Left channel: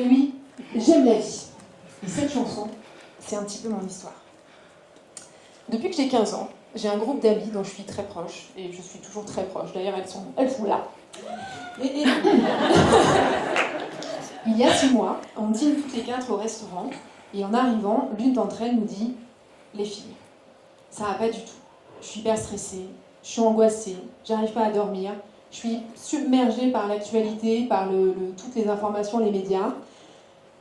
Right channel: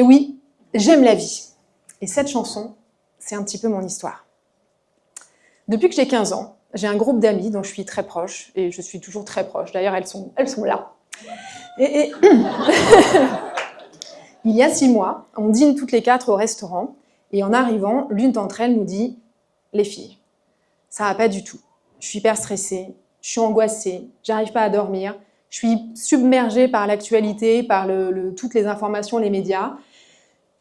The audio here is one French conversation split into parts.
Et oui, j'aime la vie. Et cette chanson, c'est un petit peu mon histoire. Depuis que j'ai 15 ans, j'ai un groupe d'amis dont je suis très proche, et je suis toujours très proche. D'ailleurs, elles sont là. Et il y a 6 mois, on dîne toutes les 4 au restaurant, et en arrivant, l'une d'entre elles nous dit « Les filles, ça va pas du tout. Je suis hyper stressée, je suis angoissée, j'arrive pas à dormir, je suis submergée par l'actualité, par toutes les informations, les médias.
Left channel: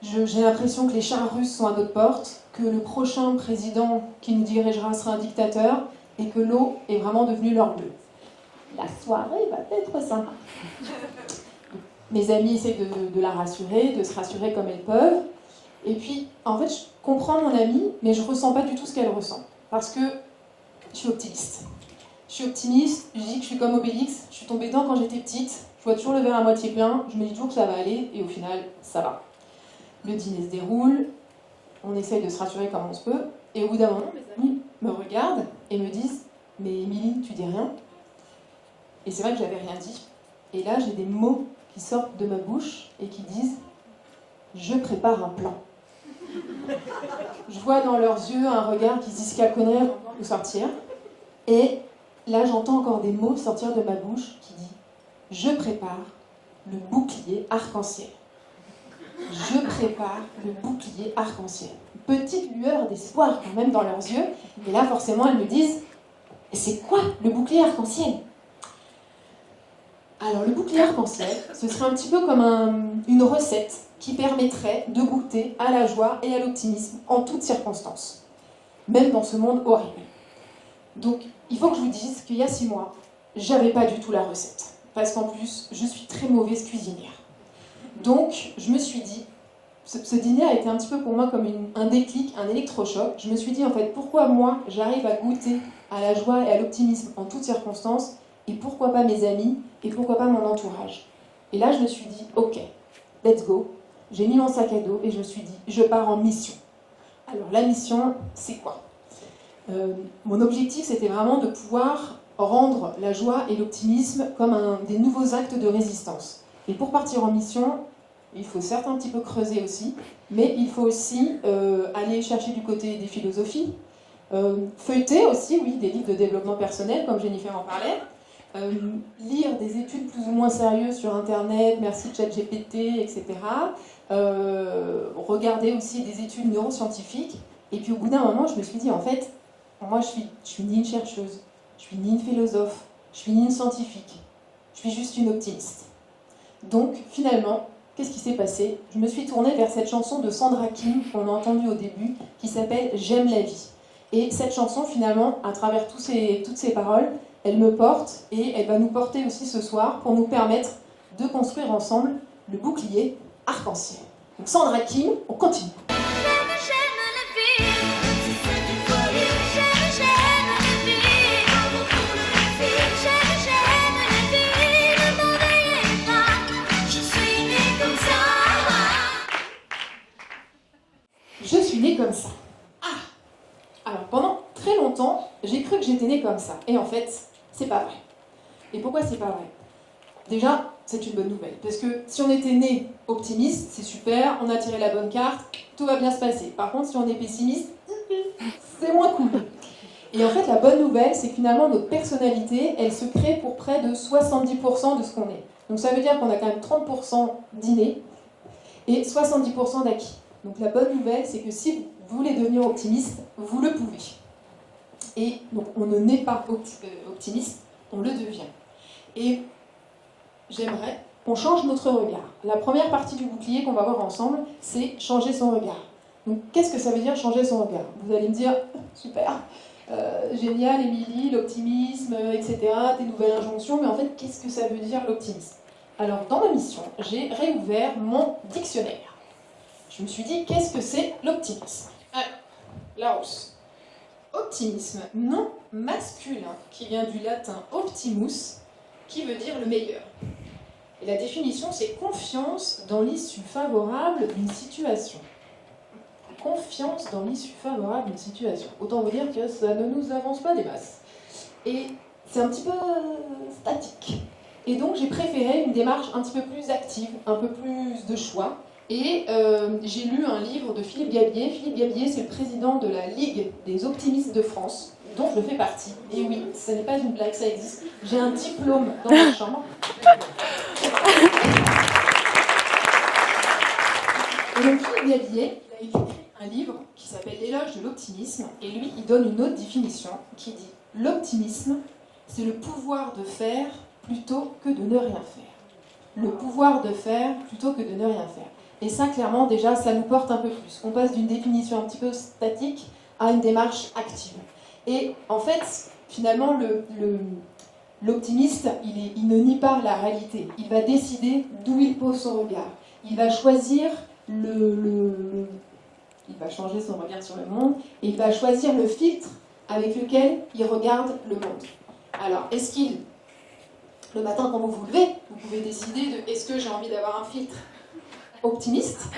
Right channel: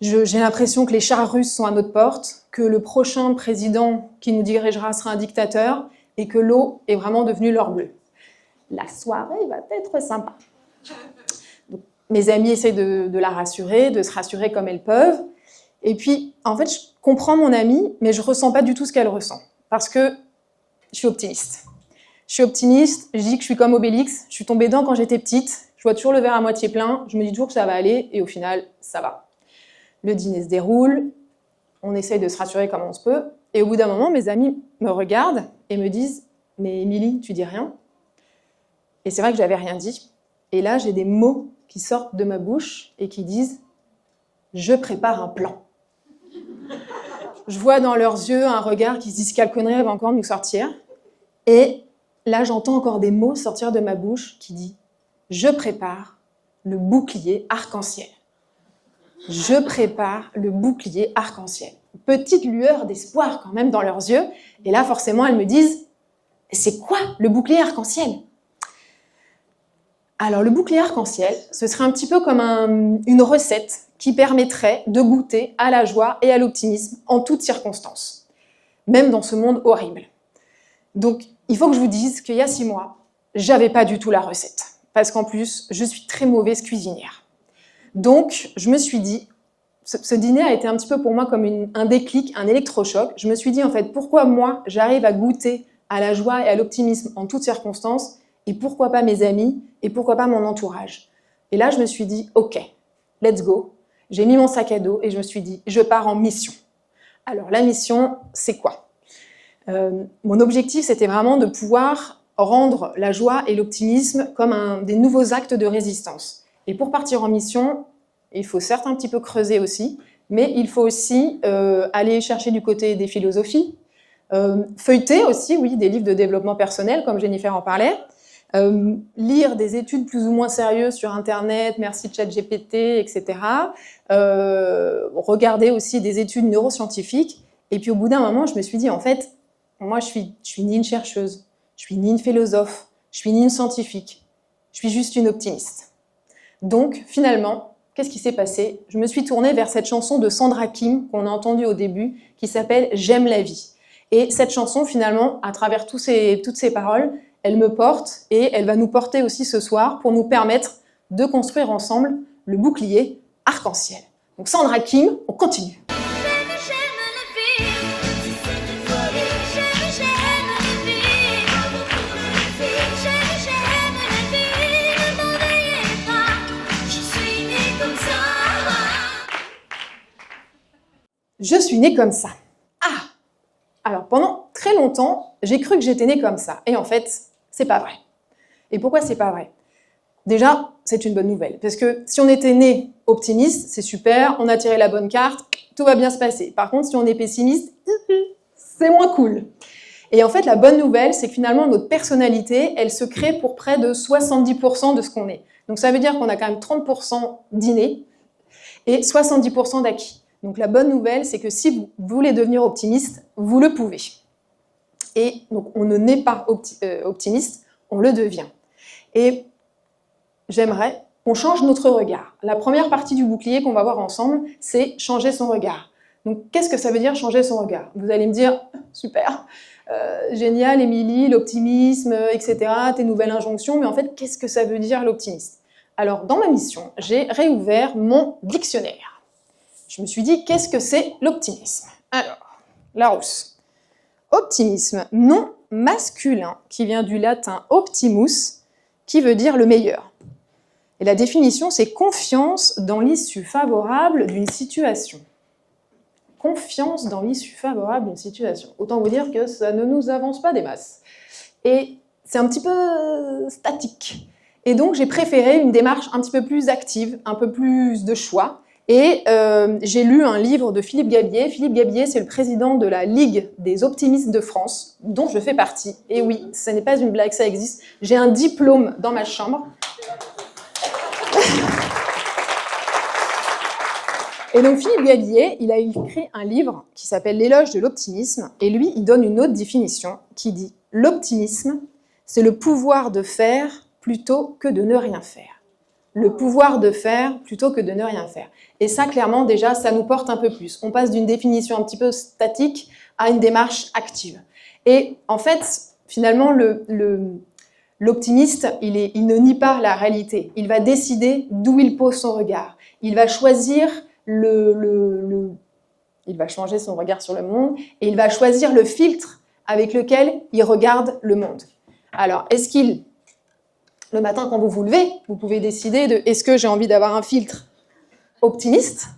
J'ai l'impression que les chars russes sont à notre porte, que le prochain président qui nous dirigera sera un dictateur et que l'eau est vraiment devenue l'or bleu. La soirée va être sympa. » Mes amies essayent de la rassurer, de se rassurer comme elles peuvent. Et puis, en fait, je comprends mon amie, mais je ne ressens pas du tout ce qu'elle ressent. Parce que je suis optimiste. Je suis optimiste, je dis que je suis comme Obélix, je suis tombée dedans quand j'étais petite, je vois toujours le verre à moitié plein, je me dis toujours que ça va aller, et au final, ça va. Le dîner se déroule, on essaye de se rassurer comme on se peut, et au bout d'un moment, mes amis me regardent et me disent « Mais Émilie, tu dis rien ?» Et c'est vrai que j'avais rien dit. Et là, j'ai des mots qui sortent de ma bouche et qui disent « Je prépare un plan ». Je vois dans leurs yeux un regard qui se dit « Quelle connerie, elle va encore nous sortir ?» Et là, j'entends encore des mots sortir de ma bouche qui disent « Je prépare le bouclier arc-en-ciel ». Je prépare le bouclier arc-en-ciel. Petite lueur d'espoir quand même dans leurs yeux. Et là, forcément, elles me disent « C'est quoi le bouclier arc-en-ciel » Alors, le bouclier arc-en-ciel, ce serait un petit peu comme une recette qui permettrait de goûter à la joie et à l'optimisme en toutes circonstances, même dans ce monde horrible. Donc, il faut que je vous dise qu'il y a 6 mois, j'avais pas du tout la recette. Parce qu'en plus, je suis très mauvaise cuisinière. Donc, je me suis dit, ce dîner a été un petit peu pour moi comme un déclic, un électrochoc. Je me suis dit, en fait, pourquoi moi, j'arrive à goûter à la joie et à l'optimisme en toutes circonstances, et pourquoi pas mes amis, et pourquoi pas mon entourage. Et là, je me suis dit, ok, let's go. J'ai mis mon sac à dos et je me suis dit, je pars en mission. Alors, la mission, c'est quoi ? Mon objectif, c'était vraiment de pouvoir rendre la joie et l'optimisme comme des nouveaux actes de résistance. Et pour partir en mission, il faut certes un petit peu creuser aussi, mais il faut aussi aller chercher du côté des philosophies, feuilleter aussi, oui, des livres de développement personnel, comme Jennifer en parlait, lire des études plus ou moins sérieuses sur Internet, merci ChatGPT, etc. Regarder aussi des études neuroscientifiques. Et puis au bout d'un moment, je me suis dit, en fait, moi, je suis ni une chercheuse, je suis ni une philosophe, je suis ni une scientifique, je suis juste une optimiste. Donc, finalement, qu'est-ce qui s'est passé ? Je me suis tournée vers cette chanson de Sandra Kim qu'on a entendue au début, qui s'appelle « J'aime la vie ». Et cette chanson, finalement, à travers toutes ces paroles, elle me porte et elle va nous porter aussi ce soir pour nous permettre de construire ensemble le bouclier arc-en-ciel. Donc Sandra Kim, on continue. Je suis née comme ça. Ah ! Alors, pendant très longtemps, j'ai cru que j'étais née comme ça. Et en fait, c'est pas vrai. Et pourquoi c'est pas vrai ? Déjà, c'est une bonne nouvelle. Parce que si on était né optimiste, c'est super, on a tiré la bonne carte, tout va bien se passer. Par contre, si on est pessimiste, c'est moins cool. Et en fait, la bonne nouvelle, c'est que finalement, notre personnalité, elle se crée pour près de 70% de ce qu'on est. Donc ça veut dire qu'on a quand même 30% d'inné et 70% d'acquis. Donc la bonne nouvelle, c'est que si vous voulez devenir optimiste, vous le pouvez. Et donc on ne naît pas optimiste, on le devient. Et j'aimerais qu'on change notre regard. La première partie du bouclier qu'on va voir ensemble, c'est changer son regard. Donc qu'est-ce que ça veut dire changer son regard ? Vous allez me dire, super, génial Émilie, l'optimisme, etc., tes nouvelles injonctions, mais en fait, qu'est-ce que ça veut dire l'optimisme ? Alors dans ma mission, j'ai réouvert mon dictionnaire. Je me suis dit, qu'est-ce que c'est l'optimisme ? Alors, Larousse. Optimisme, nom masculin qui vient du latin optimus, qui veut dire le meilleur. Et la définition, c'est confiance dans l'issue favorable d'une situation. Confiance dans l'issue favorable d'une situation. Autant vous dire que ça ne nous avance pas des masses. Et c'est un petit peu statique. Et donc, j'ai préféré une démarche un petit peu plus active, un peu plus de choix. Et j'ai lu un livre de Philippe Gabier. Philippe Gabier, c'est le président de la Ligue des optimistes de France, dont je fais partie. Et oui, ce n'est pas une blague, ça existe. J'ai un diplôme dans ma chambre. Et donc Philippe Gabier, il a écrit un livre qui s'appelle L'éloge de l'optimisme. Et lui, il donne une autre définition qui dit « L'optimisme, c'est le pouvoir de faire plutôt que de ne rien faire. » Le pouvoir de faire plutôt que de ne rien faire. Et ça, clairement, déjà, ça nous porte un peu plus. On passe d'une définition un petit peu statique à une démarche active. Et en fait, finalement, l'optimiste, il ne nie pas la réalité. Il va décider d'où il pose son regard. Il va choisir il va changer son regard sur le monde et il va choisir le filtre avec lequel il regarde le monde. Alors, le matin, quand vous vous levez, vous pouvez décider de est-ce que j'ai envie d'avoir un filtre optimiste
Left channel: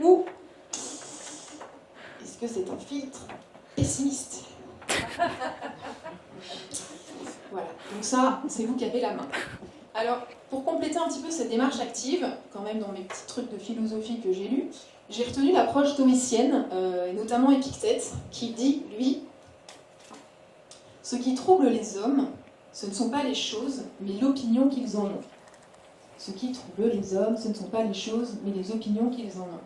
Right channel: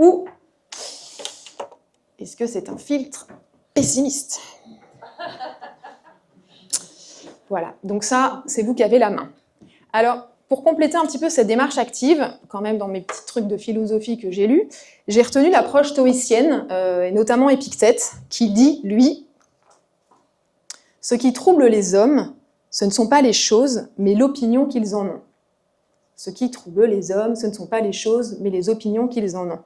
ou est-ce que c'est un filtre pessimiste? Voilà, donc ça, c'est vous qui avez la main. Alors, pour compléter un petit peu cette démarche active, quand même dans mes petits trucs de philosophie que j'ai lus, j'ai retenu l'approche stoïcienne, et notamment Épictète, qui dit, lui, « Ce qui trouble les hommes, ce ne sont pas les choses, mais l'opinion qu'ils en ont. » Ce qui trouble les hommes, ce ne sont pas les choses, mais les opinions qu'ils en ont.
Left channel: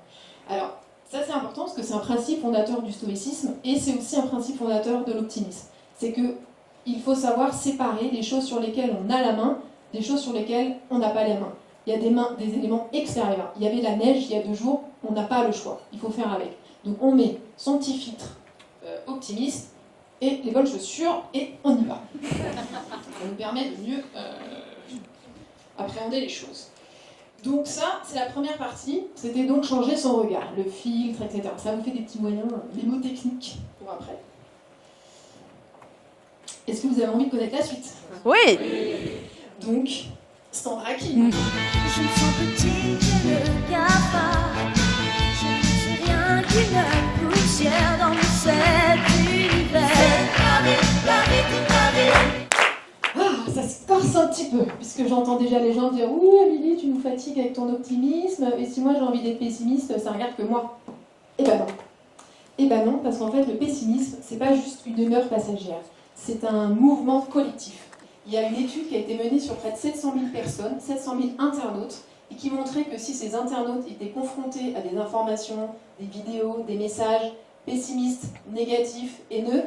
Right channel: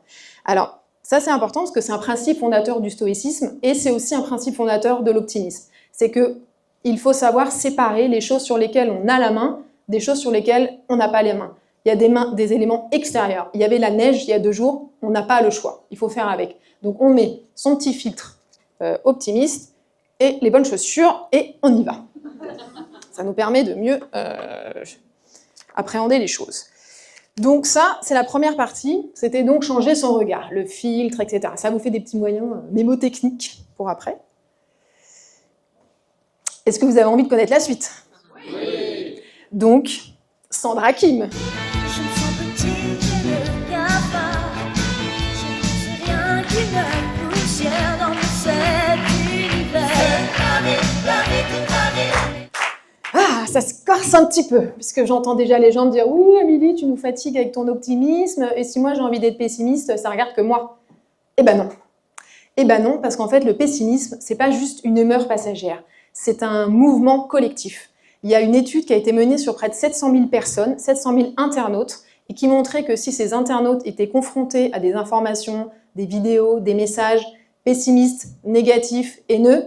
Alors, ça c'est important parce que c'est un principe fondateur du stoïcisme et c'est aussi un principe fondateur de l'optimisme. C'est qu'il faut savoir séparer les choses sur lesquelles on a la main des choses sur lesquelles on n'a pas les mains. Il y a des éléments extérieurs. Il y avait la neige il y a 2 jours, on n'a pas le choix. Il faut faire avec. Donc on met son petit filtre optimiste et les bonnes chaussures et on y va. Ça nous permet de mieux appréhender les choses. Donc ça, c'est la première partie. C'était donc changer son regard, le filtre, etc. Ça vous fait des petits moyens mémotechniques pour après. Est-ce que vous avez envie de connaître la suite? Oui. Donc, Sandra Kim. Je me sens petite, je ne regarde pas. Je ne suis rien qu'une poussière dans cet univers. La vie, toute la vie. Ah, ça se corse un petit peu, puisque j'entends déjà les gens me dire « Oui, Amélie, tu nous fatigues avec ton optimisme, et si moi j'ai envie d'être pessimiste, ça regarde que moi. » Eh ben non. Eh ben non, parce qu'en fait, le pessimisme, c'est pas juste une humeur passagère, c'est un mouvement collectif. Il y a une étude qui a été menée sur près de 700 000 personnes, 700 000 internautes, et qui montrait que si ces internautes étaient confrontés à des informations, des vidéos, des messages pessimistes, négatifs, haineux,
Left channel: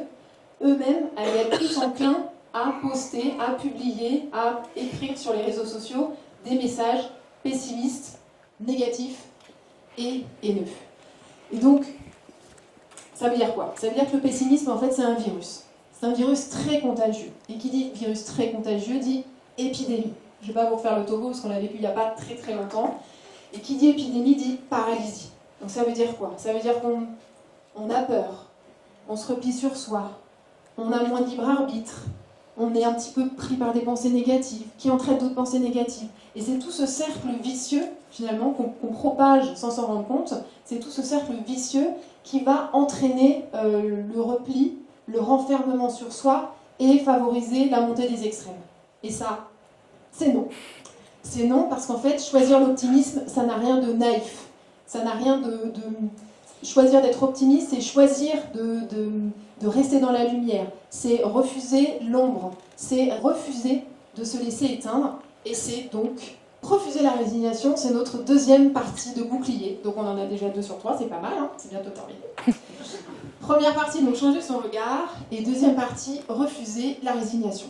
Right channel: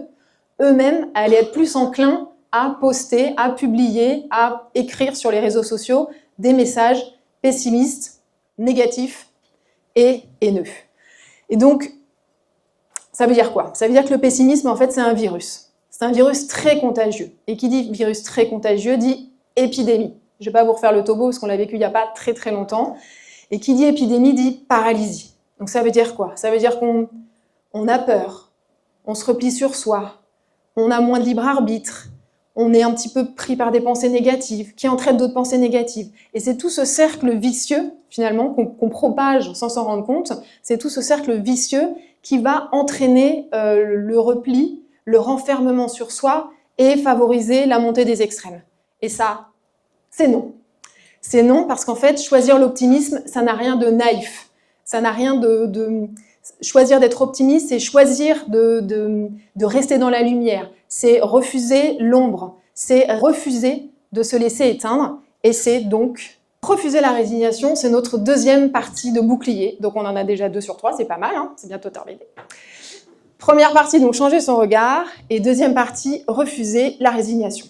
eux-mêmes allaient être plus enclins à poster, à publier, à écrire sur les réseaux sociaux des messages pessimistes, négatifs et haineux. Et donc, ça veut dire quoi? Ça veut dire que le pessimisme, en fait, c'est un virus. C'est un virus très contagieux. Et qui dit virus très contagieux dit épidémie. Je ne vais pas vous refaire le topo parce qu'on l'a vécu il n'y a pas très très longtemps. Et qui dit épidémie dit paralysie. Donc ça veut dire quoi? Ça veut dire qu'on a peur, on se replie sur soi, on a moins de libre arbitre, on est un petit peu pris par des pensées négatives, qui entraînent d'autres pensées négatives. Et c'est tout ce cercle vicieux, finalement, qu'on propage sans s'en rendre compte, c'est tout ce cercle vicieux qui va entraîner le repli, le renfermement sur soi et favoriser la montée des extrêmes. Et ça, c'est non. C'est non parce qu'en fait, choisir l'optimisme, ça n'a rien de naïf. Ça n'a rien de... Choisir d'être optimiste, c'est choisir de rester dans la lumière. C'est refuser l'ombre. C'est refuser de se laisser éteindre. Et c'est donc refuser la résignation. C'est notre deuxième partie de bouclier. Donc on en a déjà 2 sur 3, c'est pas mal, hein, c'est bientôt terminé. Première partie, donc changer son regard. Et deuxième partie, refuser la résignation.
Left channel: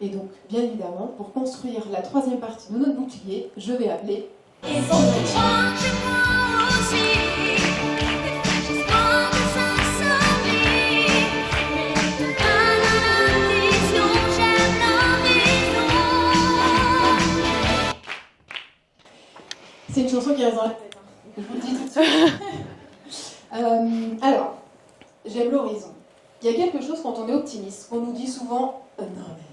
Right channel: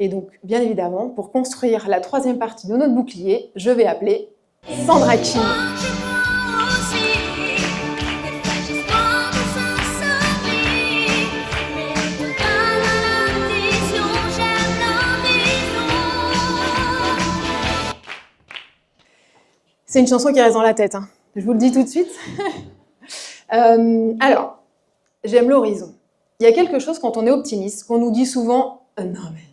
Et donc, bien évidemment, pour construire la troisième partie de notre bouclier, je vais appeler Sandra Kim. C'est une chanson qui reste dans la tête, hein. Je vous le dis tout de suite. Alors, j'aime l'horizon. Il y a quelque chose quand on est optimiste, qu'on nous dit souvent « Non mais,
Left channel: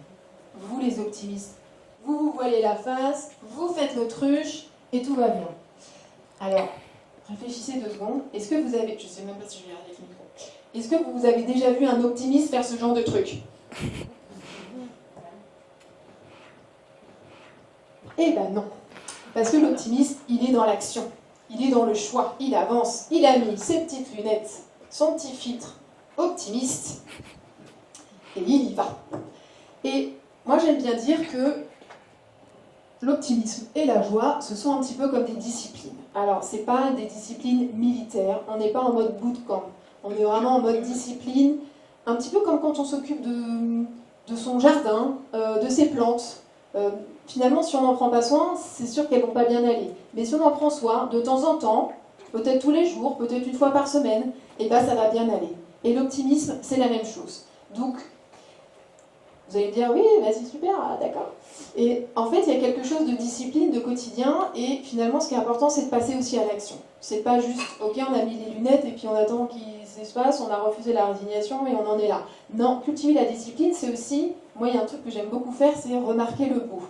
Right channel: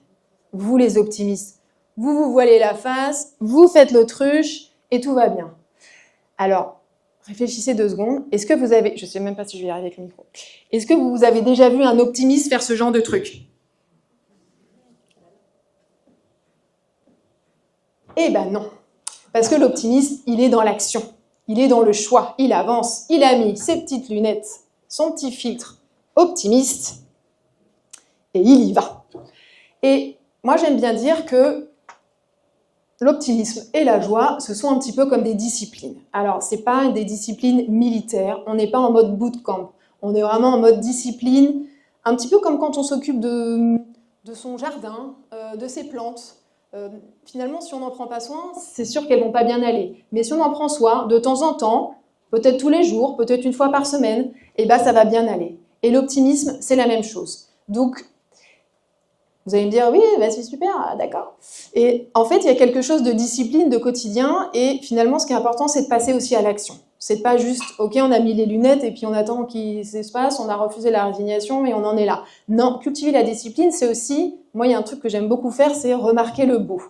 vous les optimistes, vous vous voilez la face, vous faites l'autruche et tout va bien. » Alors, réfléchissez 2 secondes. Est-ce que vous avez... Je ne sais même pas si je vais y arriver avec le micro. Est-ce que vous avez déjà vu un optimiste faire ce genre de truc? Eh ben non. Parce que l'optimiste, il est dans l'action. Il est dans le choix, il avance, il a mis ses petites lunettes, son petit filtre optimiste, et il y va. Et moi, j'aime bien dire que l'optimisme et la joie, ce sont un petit peu comme des disciplines. Alors, ce n'est pas des disciplines militaires, on n'est pas en mode bootcamp, on est vraiment en mode discipline, un petit peu comme quand on s'occupe de son jardin, de ses plantes. Finalement, si on n'en prend pas soin, c'est sûr qu'elles ne vont pas bien aller. Mais si on en prend soin, de temps en temps, peut-être tous les jours, peut-être une fois par semaine, eh ben, ça va bien aller. Et l'optimisme, c'est la même chose. Donc, vous allez me dire, oui, bah c'est super, d'accord. Et en fait, il y a quelque chose de discipline, de quotidien, et finalement, ce qui est important, c'est de passer aussi à l'action. C'est pas juste, ok, on a mis les lunettes et puis on attend qu'il se passe, on a refusé la résignation et on en est là. Non, cultiver la discipline, c'est aussi, moi, il y a un truc que j'aime beaucoup faire, c'est remarquer le beau.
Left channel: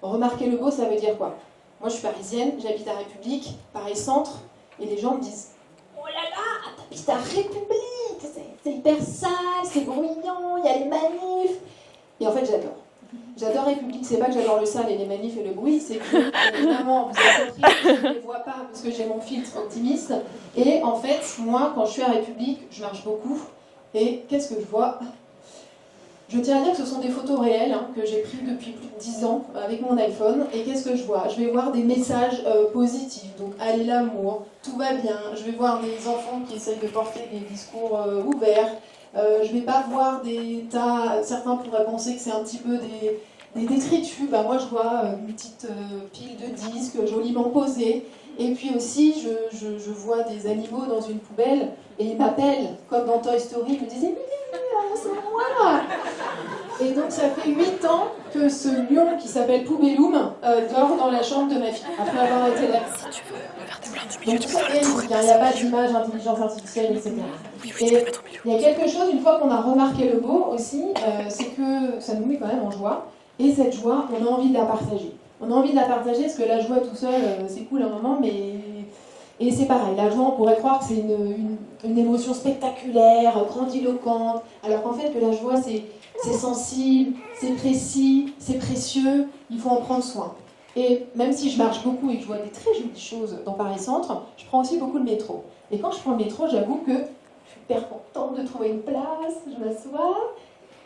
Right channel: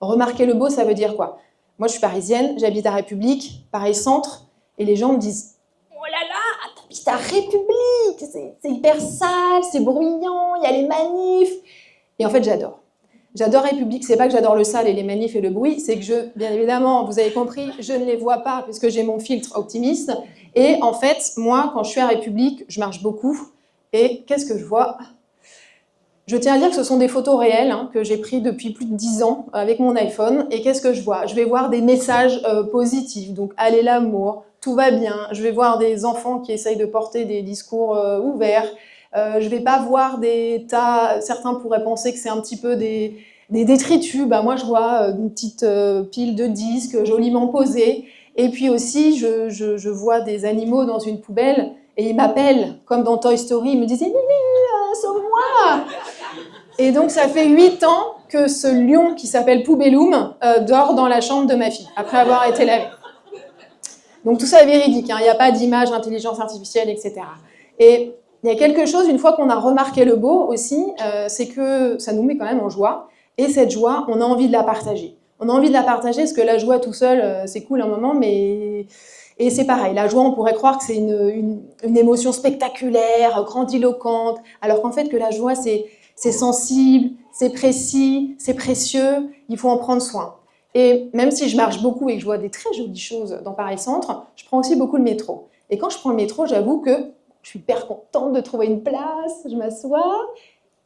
Remarquer le beau, ça veut dire quoi? Moi, je suis parisienne, j'habite à République, Paris Centre, et les gens me disent, oh là là, t'habites à République, c'est hyper sale, c'est bruyant, il y a les manifs. Et en fait, j'adore. J'adore République, c'est pas que j'adore le sale et les manifs et le bruit, c'est que bien évidemment, vous avez compris, je ne les vois pas parce que j'ai mon filtre optimiste. Et en fait, moi, quand je suis à République, je marche beaucoup. Et qu'est-ce que je vois? Je tiens à dire que ce sont des photos réelles que j'ai prises depuis plus de 10 ans avec mon iPhone. Et qu'est-ce que je vois? Je vais voir des messages positifs, donc allez l'amour, tout va bien. Je vais voir des enfants qui essayent de porter des discours ouverts. Je ne vais pas voir des tas, certains pourraient penser que c'est un petit peu des détritus. Bah, moi, je vois une petite pile de disques joliment posés. Et puis aussi, je vois des animaux dans une poubelle et ils m'appellent, comme dans Toy Story, ils me disent « sauve-moi !» Et donc, ça fait 8 ans que ce lion qui s'appelle Poubelloum dort dans la chambre de ma fille, après avoir été lavé. Donc tout ça est véridique, il n'y a pas d'image, intelligence artificielle, etc. Et il y a quelque chose, une fois qu'on a remarqué le beau aussi, c'est que ça nous met quand même en joie. Et cette joie, on a envie de la partager. On a envie de la partager parce que la joie tout seul, c'est cool un moment, mais... Et c'est pareil, la joie, on pourrait croire que c'est une émotion spectaculaire, grandiloquente, alors qu'en fait que la joie, c'est sensible, c'est précis, c'est précieux, il faut en prendre soin. Et même si je marche beaucoup et que je vois des très jolies choses dans Paris Centre, je prends aussi beaucoup le métro. Et quand je prends le métro, j'avoue que je suis hyper contente de trouver une place, je m'assois.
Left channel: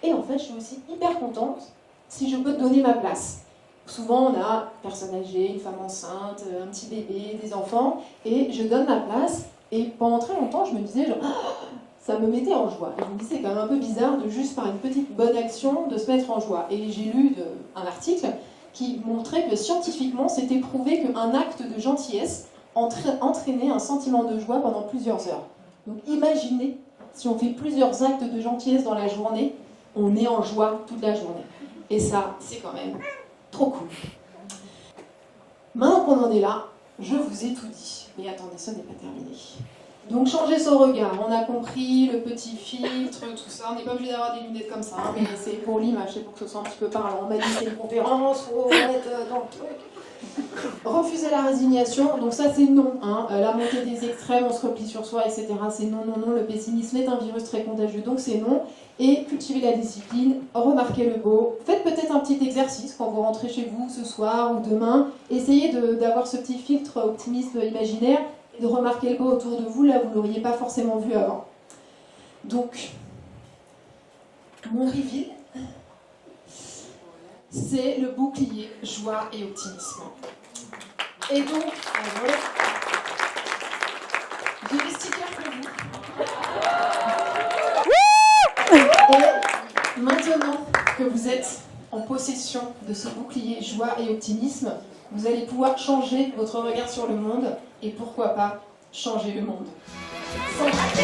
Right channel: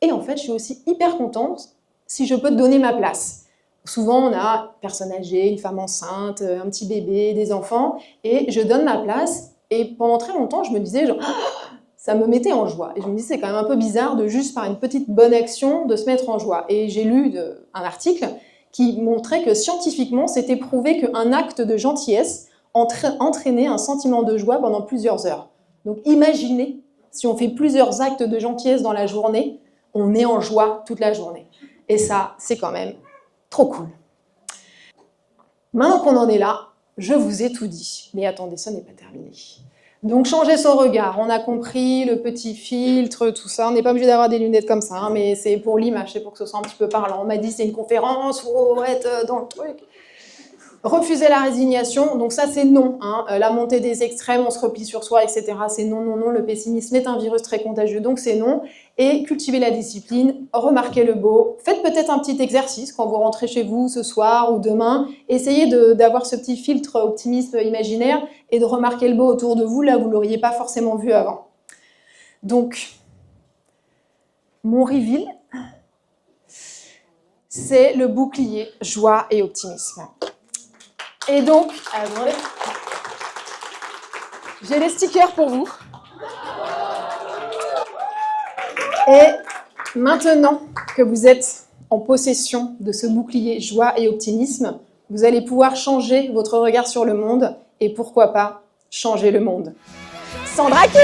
Et en fait, je suis aussi hyper contente si je peux te donner ma place. Souvent, on a une personne âgée, une femme enceinte, un petit bébé, des enfants, et je donne ma place. Et pendant très longtemps, je me disais, genre, ça me mettait en joie. Et je me disais, c'est quand même un peu bizarre de juste par une petite bonne action de se mettre en joie. Et j'ai lu un article qui montrait que scientifiquement, c'était prouvé qu'un acte de gentillesse entraînait un sentiment de joie pendant plusieurs heures. Donc imaginez, si on fait plusieurs actes de gentillesse dans la journée, on est en joie toute la journée. Et ça, c'est quand même trop cool. Maintenant qu'on en est là, je vous ai tout dit. Mais attendez, ça n'est pas terminé. Donc changer son regard, on a compris, le petit filtre, tout ça. On n'est pas obligé d'avoir des lunettes comme ça, mais c'est pour l'image, c'est pour que ce soit un petit peu parlant. On m'a dit c'est une conférence, il faut être dans le truc. Refuser la résignation, donc ça c'est non. La montée des extrêmes, on se replie sur soi, etc. C'est non, non, non. Le pessimisme est un virus très contagieux, donc c'est non. Et cultiver la discipline, remarquer le beau. Faites peut-être un petit exercice quand vous rentrez chez vous ce soir ou demain. Essayez d'avoir ce petit filtre optimiste imaginaire et de remarquer le beau autour de vous, là où vous ne l'auriez pas forcément vu avant. Donc, mon reveal, c'est le bouclier joie et optimisme. Et donc, j'ai les stickers pour vous. Et maintenant que vous êtes en possession de ce bouclier joie et optimisme, vous allez pouvoir changer votre regard sur le monde et pourquoi pas changer le monde. Sandra King!